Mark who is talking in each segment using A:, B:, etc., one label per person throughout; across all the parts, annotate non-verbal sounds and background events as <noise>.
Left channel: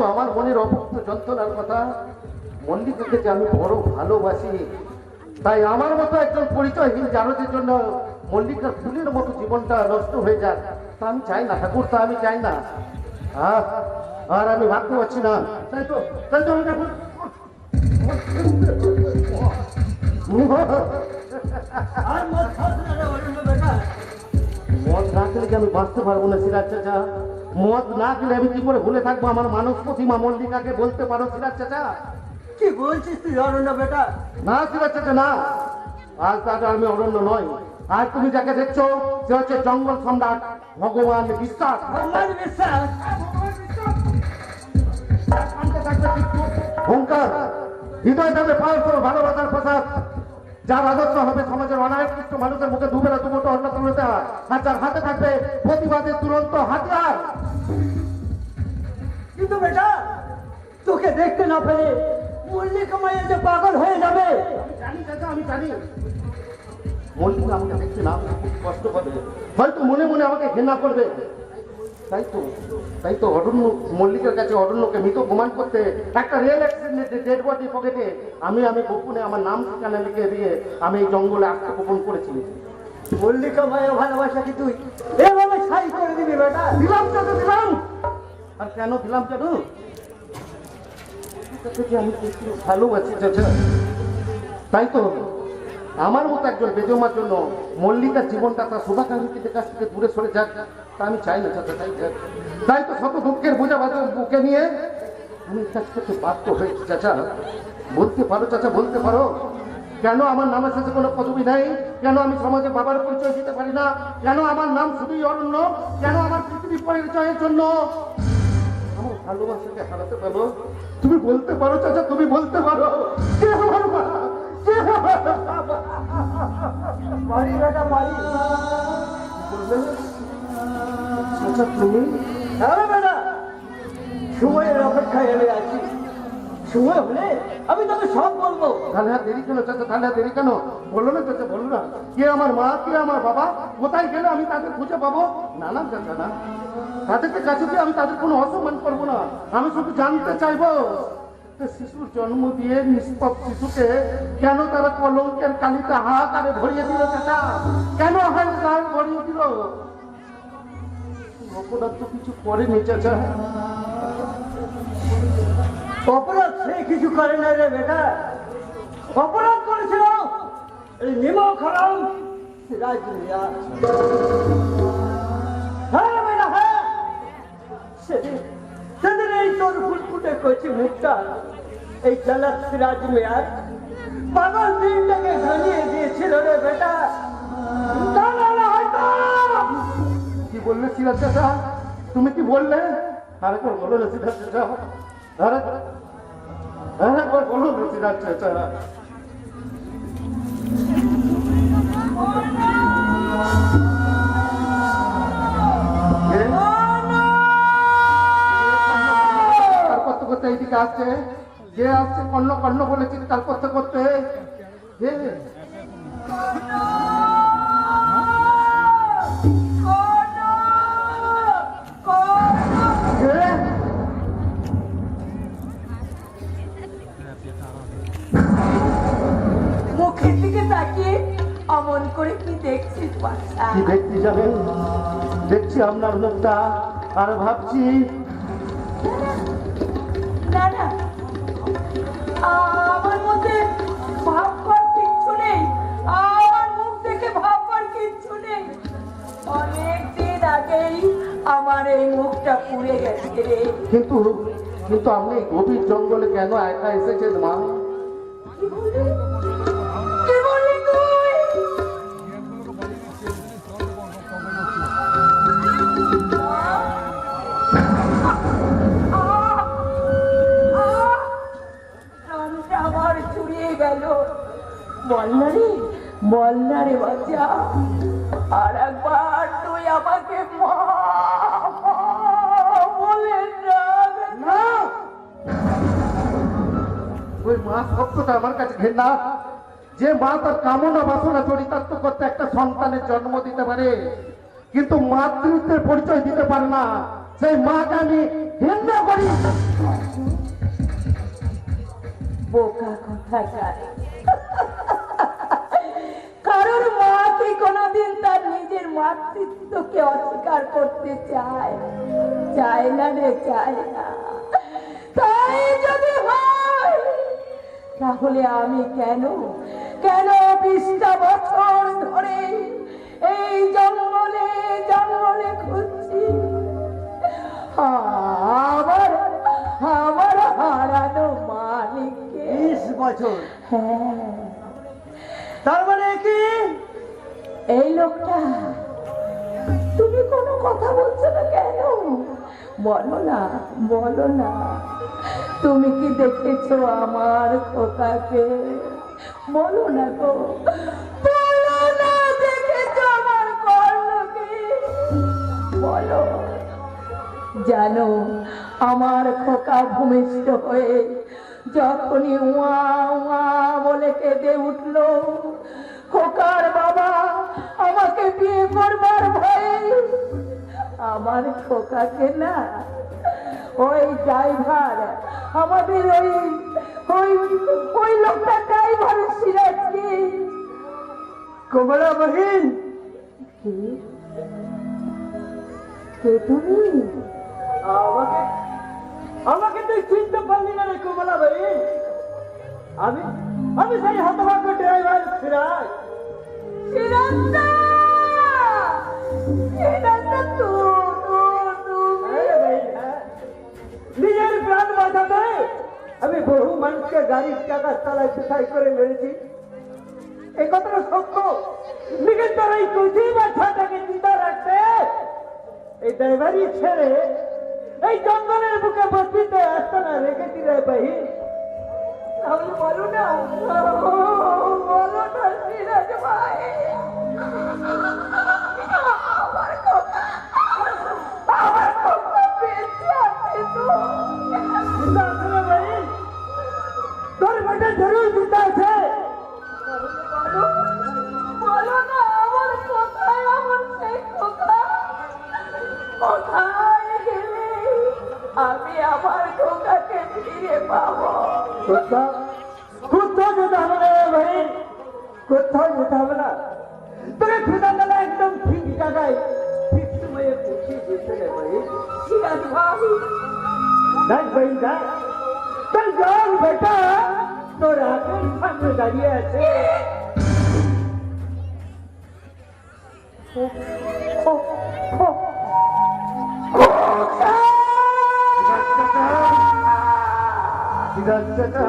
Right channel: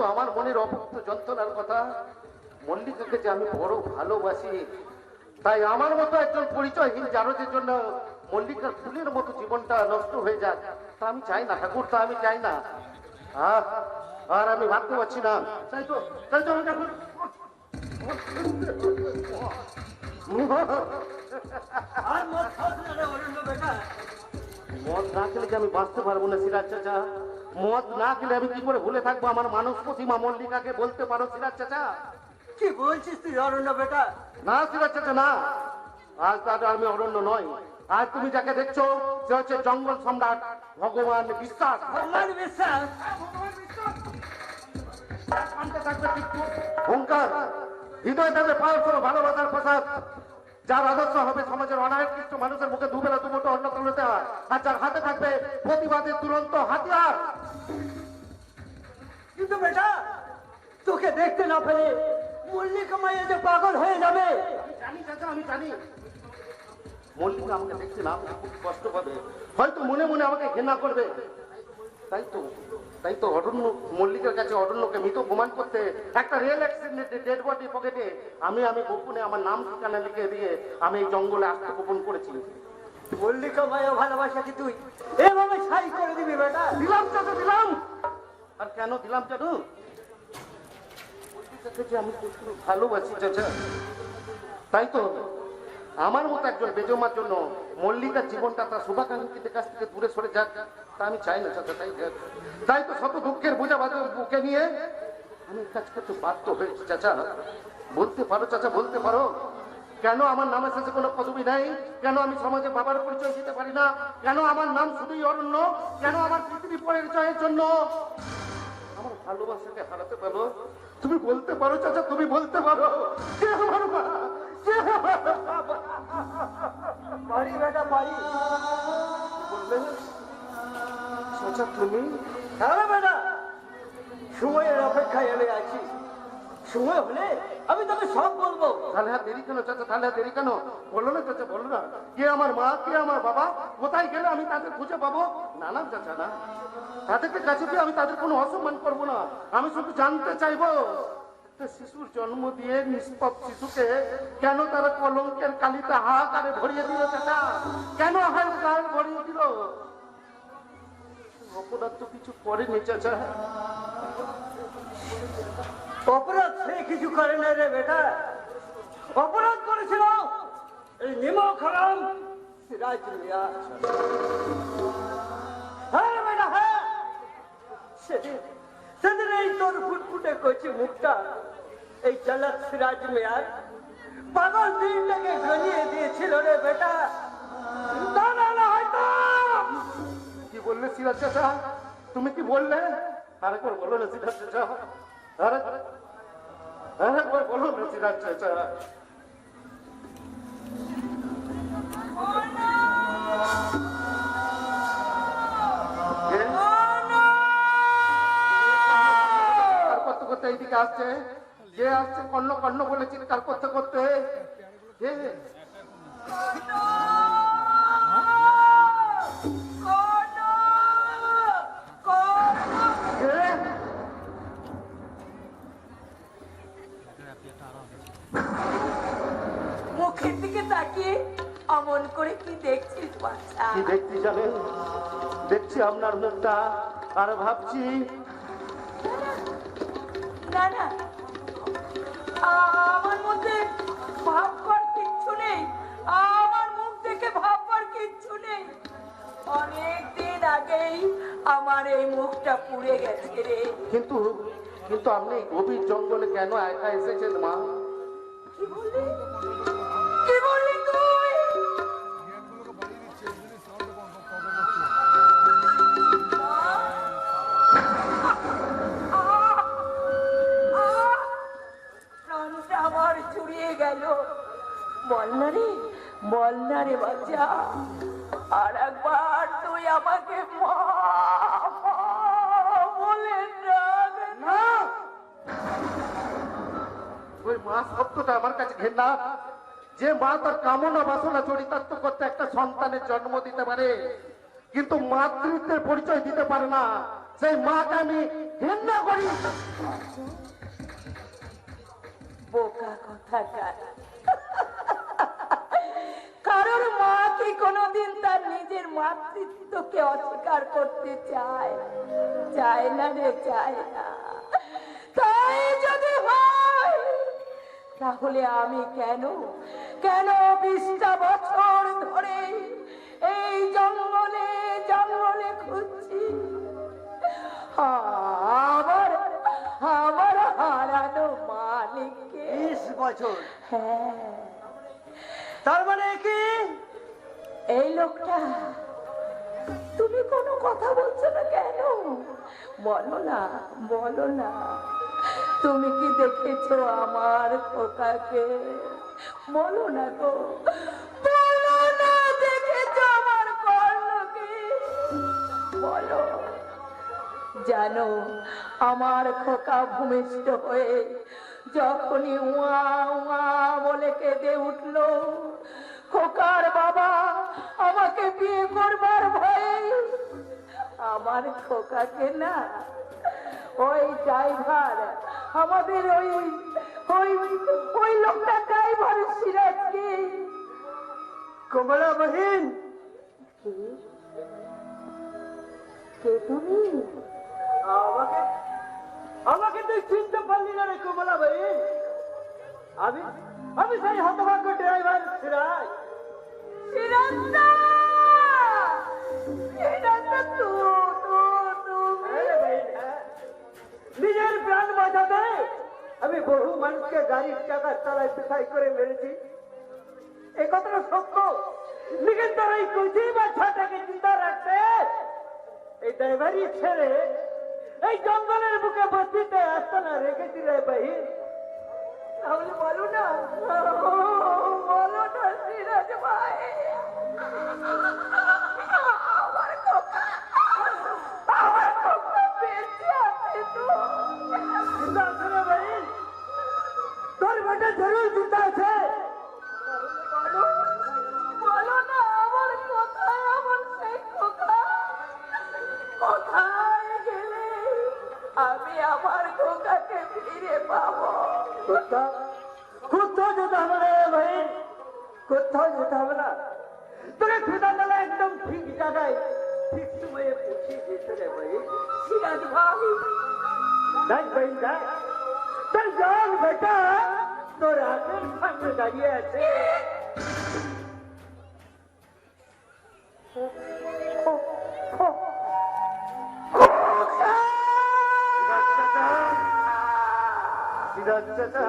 A: বলব আমার মনের অভুক্ত যন্ত্রণার কথা মল্লিকাকে যে আমি বড় ভালোবাসি। তাই আমার মতো একজন পরিচয়হীন জানতের জন্য মল্লিকার ফুলের মতো জীবনটা নষ্ট হয়ে যাক। তা আমি চাই না ঠাকুর তা আমি চাই না। আর আর আমি ভাবতে পারছি না। তাই তো তাই তো আমি ঠাকুর
B: আর মদ না রে অরণ্য বেটা।
A: মদ না খেলে কি আমি বাঁচতে পারব না সিরাজ চাচা? মদ না খেলে আমি কি করে ভুলে থাকব? আমার মানস প্রতিমা মল্লিকাকে বলতে পারো সিরাজ চাচা?
B: কি বলছিস তুই অরণ্য বেটা?
A: না সিরাজ চাচা না। আজ তাকে আমি অরণ্য নয় আর তুমি যাকে দেখছ সে হচ্ছে জঙ্গল সম্রাট ভগবান বিশ্বাস।
B: ভগবান বিশ্বাস?
A: ওঙ্কার হৃদয় দেবে পাওয়ার ভালোবাসার প্রসাদ। যার আদর্শ হবে সমাজের অনায়কৃষ্ট মানুষের মুখে দুবেলা দুমুটো অন্ন তুলে দেওয়া আর যার হাতে থাকবে প্রতিবাদের তুরন্ত হাতিয়ার।
B: কিন্তু বেটা, তোকে দেখতে না পেলে মল্লিকা মাইয়া যে পাগল হয়ে যাবে।
A: জানি চাচা, আমি জানি। মল্লিকা আমাকে দেখতে না কষ্ট পাবে হয়তো মনে মনে আমাকে ঘৃণা করবে। তাই তো তাই তো অরণ্য মল্লিকের কাছে অরণ্যকে মৃত প্রমাণ করতে একটা রেল অ্যাক্সিডেন্টে ডেড বডি পকেটে আমি আমি গোপনে আমার নাম ঠিকানা লিখে দিয়ে আমি এই জঙ্গলে আত্মগোপন করেছি।
B: মল্লিকা মায়া ভালোবাসা কি তুই? এভাবে ছাই করে দিবি বেটা।
A: দিলাম চাচা দিলাম? আর কেন দিলাম কেন? আমি ভালোবাসি চাচা। তাই তো আমার মতো একজন বেজমার জন্য মল্লিকার জীবনটা তার শুভাকাঙ্ক্ষীদের কাছ থেকে দূরে সরে যাক। তা আমি চাই না তাই তো শত দুঃখের বোঝা বাজা বুকে নিয়ে আমি কাজ বাধ্য হয়েছি চাচা, বলতে পারো চাচা, বলতে পারো। কেন আমার নামের সাথে কোনো পদবি নাই? কেন আমি সমাজে বাবার পরিচয় দিতে পারি না? কেন আমার নাম শুধুই অরণ্য কেন আমার পৃথিবী পরিচয়ের জন্য? আমার ভালোবাসাকে হারাতে পারো। তুমি বলতে পারো চাচা, তুমি বলতে পারো?
B: পারি বেটা পারি
A: বললে, চাচা তুমি?
B: হ্যাঁ সময়ের অপেক্ষায় আমি আছি। সময় হলে আমি তোকে সব বলব।
A: তাহলে দেরি কেন? চাচা তাহলে দেরি কেন? বলো না চাচা বলো না। কে আমার মা কে আমার বাবা? কোথায় গেলে আমি তাদের খুঁজে পাবো? না না চাচা না। তাদেরকে কাছে দিয়ে আমি তাদের কোনো অসম্মান করব না। আমি শুধু জানতে চাইব শিশুর জন্ম দিয়ে নিষ্পাপ শিশুকে কেন তারা কলঙ্কের কালিতে হাহাকারে ভরিয়ে দিল চাচা? কেন গায়ে ভরিয়ে দিল? অপরাধ তো কিছু করেনি, চাচা।
B: অপরাধ সে কিছু করে নাই রে বেটা। অপরাধ করেছিল এই নিমক হারাম সিরাজ মিয়া। হ্যাঁ বেটা হ্যাঁ। সেদিন সেদিন এই তোর মুখটা। এই চালাক সিরাজ মিয়ার পাগল দিনটাকে ঘনিয়ে দিয়েছিল রে বেটা। না না
A: বললে, সিরাজ চাচা, তুমি কি বললে? আরেকবার বলো না করতে এইদিকে আসছে? যে আসছে, কর্ণ কর্ণ বলেছি তার করতে। করতে? আপনার লোকটা আর ভাবছি
C: না না। আমার মধ্যে ভাববার কিচ্ছু নেই। আমার মুখ থেকে ভাববার কিচ্ছু নেই। অনেক দিন আগেই আমার এই মুখটা পুড়ে গেছে।
A: কিন্তু কিন্তু আপনি গভীর জঙ্গলে কেন একা এসেছেন মা?
C: না রে বাচ্চা আর একবার তুই আমাকে মা মা বলে
A: না। ওই মা শব্দটা আমার কাছে ঘেন্না যে মা তার কামনা বাসনা চরিতার্থ করতে একটা সন্তানের জন্ম দিতে পারে কিন্তু মাতৃত্বের পরিচয় দিতে পারে না। সেই মাকে আমি ঘৃণা করি।
C: বোকা কথা কারোর মা কি কোনোদিন তার নিজের মাতৃত্বকে অস্বীকার করতে চায় চায় না রে চায় না। তাই যদি হয় তাহলে আমি কেন কেন বিশটা বছর ধরে এই জঙ্গলে জঙ্গলে খুঁজছি আমার আমার হারানো মালিককে।
B: বিশ বছর।
C: হ্যাঁ।
B: তার মানে কি?
C: এই লোকটা, তুমি কোনো কথা বলছো না কেন? বলো না বলো না। তুমি কি দেখেছ আমার খোকাকে? বলো না তো। বলো না, দেখেছ আমার কর্ণকে বলো। জানো, আমার খোকা ভূমিষ্ঠ হয়ে যখনই উয়া উয়া বলে কেঁদে উঠল খোকার বাবা আমাকে বিয়ে করবার ভয়ে আমার খোকাকে না ওই ড্রাইভার আমাদের ওই ওই ওই লোকটা ড্রাইভার সিরাজকে
B: কমলা বহিন
C: কে? তুমি?
B: আমাকে চিনতে পারলি না রে কমলা বহিন আমি আমি সেই হতভাগ্য ড্রাইভার সিরাজ।
C: তুমি?
B: হ্যাঁ হ্যাঁ। নিজের প্রাণ বাঁচাতে আমি বহু মানুষকে গাড়ির টাকার তলায় পিছাই করে মেরেছি। এই কথাটা সত্য। নিজের তোর এই কুচি বাচ্চাটাকে চিন্তা রাখতে। এই ড্রাইভারি ছেড়ে এই জঙ্গলের বুকে বস্তিতে আসতো না রেখে দিলে বাহিন
C: তাহলে বলো না। বলো না, সিরাজ ভাই।
B: তোর বেটা জরুর চিন্তা আছে। কোথাও কোথাও যেতে হবে না ভাই কোথাও যেতে হবে না। তোকে খুদা তালা একদম ঠিক জায়গায় ঠিক সময়ে পৌঁছিয়ে দিয়েছে রে ভাই।
C: সিরাজ ভাই
B: দেখ। ভাই দেখ তোর জল বেটা তোর হাতের সামনে দাঁড়িয়ে আছে।
A: সিরাজ চাচা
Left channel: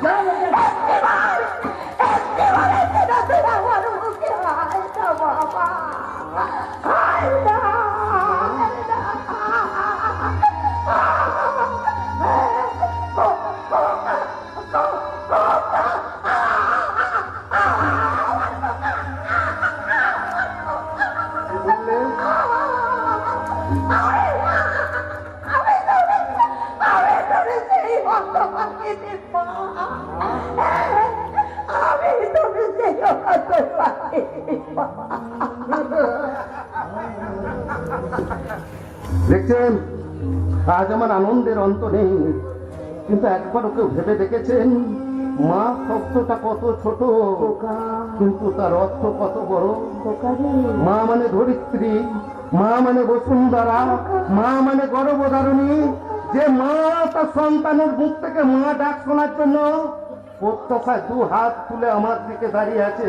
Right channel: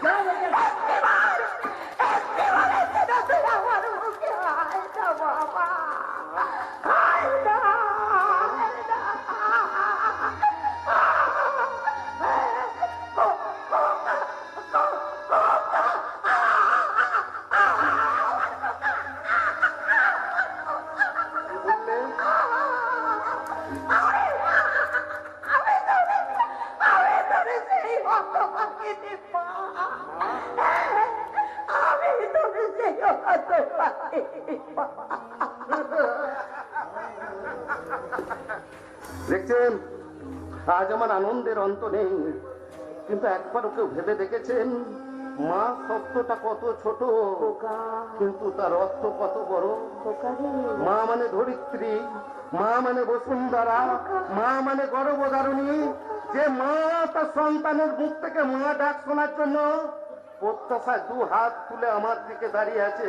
A: সিরাজ চাচা কি দেখছেন? আজ আমার আনন্দের অন্ত নেই। কিন্তু একবার কেউ ভেবে দেখেছেন? মা শব্দটা কত ছোট কিন্তু তার অর্থ কত বড়? মা মানে ধরিত্রী মা মানে বসুন্ধরা মা মানে গর্ভধারণী। যে মা তার সন্তানের মুখ থেকে মা ডাক শোনার জন্য প্রত্যাশায় দু হাত তুলে আমার দিকে দাঁড়িয়ে আছে।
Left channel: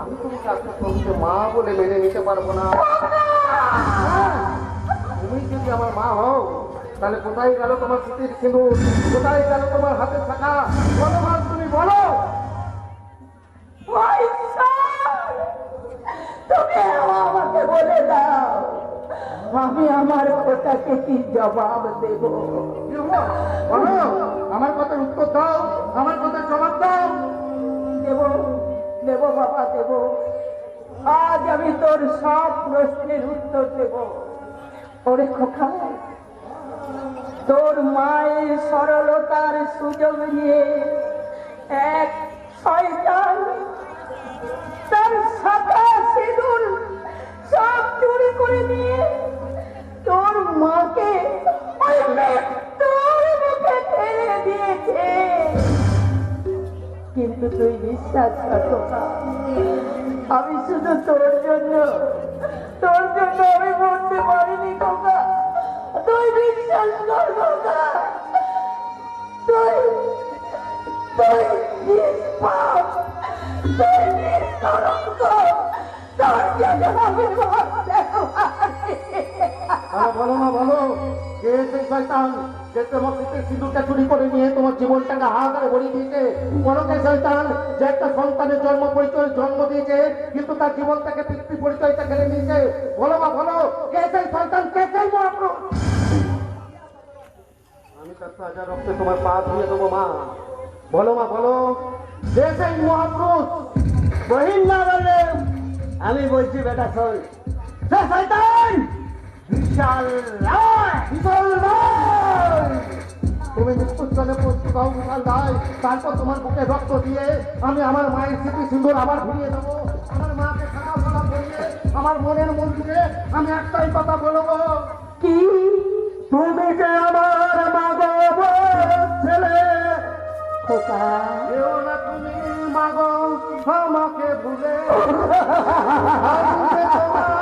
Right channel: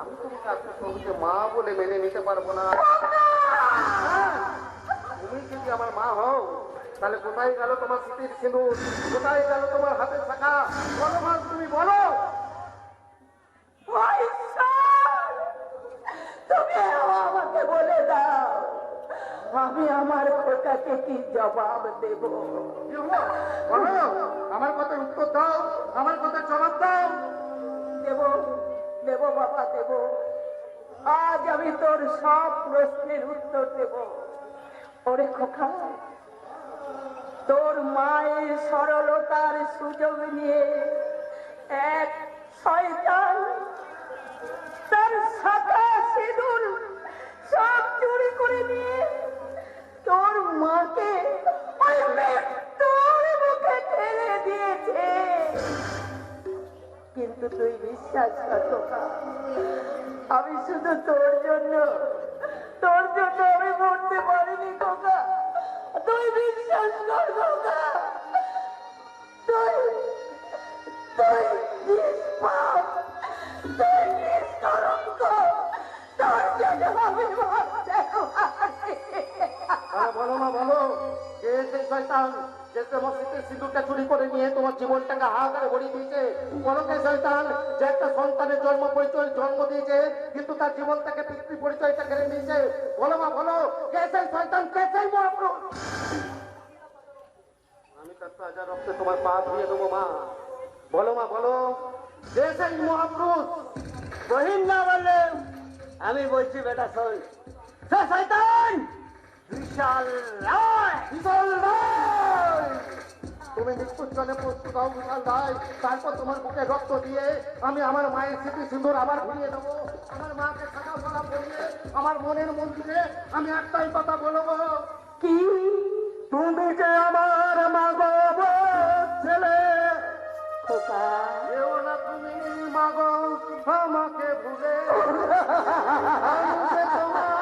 A: আমি তুমি আপনার প্রভুকে মা বলে মেনে নিতে পারব না। তুমি যদি আমার মা হও তাহলে কোথায় গেল তোমার স্মৃতির সিঁদুর? কোথায় গেল তোমার হাতে থাকা বলো। মা তুমি বলো আমাকে
C: বলে দাও আমি আমার কথাকে কি জবাব দেব?
A: আমার কথার উত্তর দাও আমার কথার জবাব দাও।
C: দেব। দেব বাবা দেব। আজ আমি তোর সব প্রশ্নের উত্তর দেব। ওরে খোকা, তোর মায়ের সরলতার সুযোগ নিয়ে আমি শুধু তোর জন্য তোর জন্য আমি মরতে পারিনি, খোকা। তুই বিশ্বাস কর তুই তুই
A: বলো না, বলো। কে সেই শয়তান যে তোমার সিঁদুরটা চুরি করে ভরিয়ে দিয়েছে। যে একটা সন্তানের জন্ম পরিচয় জন্ম দিয়েছে কিন্তু তার জীবনটাকে পিতৃ পরিচয়টা কেড়ে নিয়েছে। বলো মা বলো কে সেই কে সেই মহাপ্রভু আমি তার তাজা রক্তে তোমার পা ধুয়ে দেবো মা। বলো মা বলো। যে সেই মহাপুরুষ?
B: বহিন না বললে আমি বলছি বেটা শোন। সে শয়তান! বিশাল রায়!
A: বিশাল রায়! তুমি মৃত্যুর জন্য হও বিশাল তারপর তোমার বুকে রক্ত দিয়ে আমি আমার মায়ের স্মৃতি সুন্দর আবার ফিরিয়ে দেবো। আমার মাকে সাদা করিয়ে আমার মনের মন্দিরে আমি একটাই কথা বলব।
C: কি?
A: তুমি যে আমার মাগো ছেলে
C: খোকা।
A: না তুমি মাগো আমাকে ভুলে। <laughs>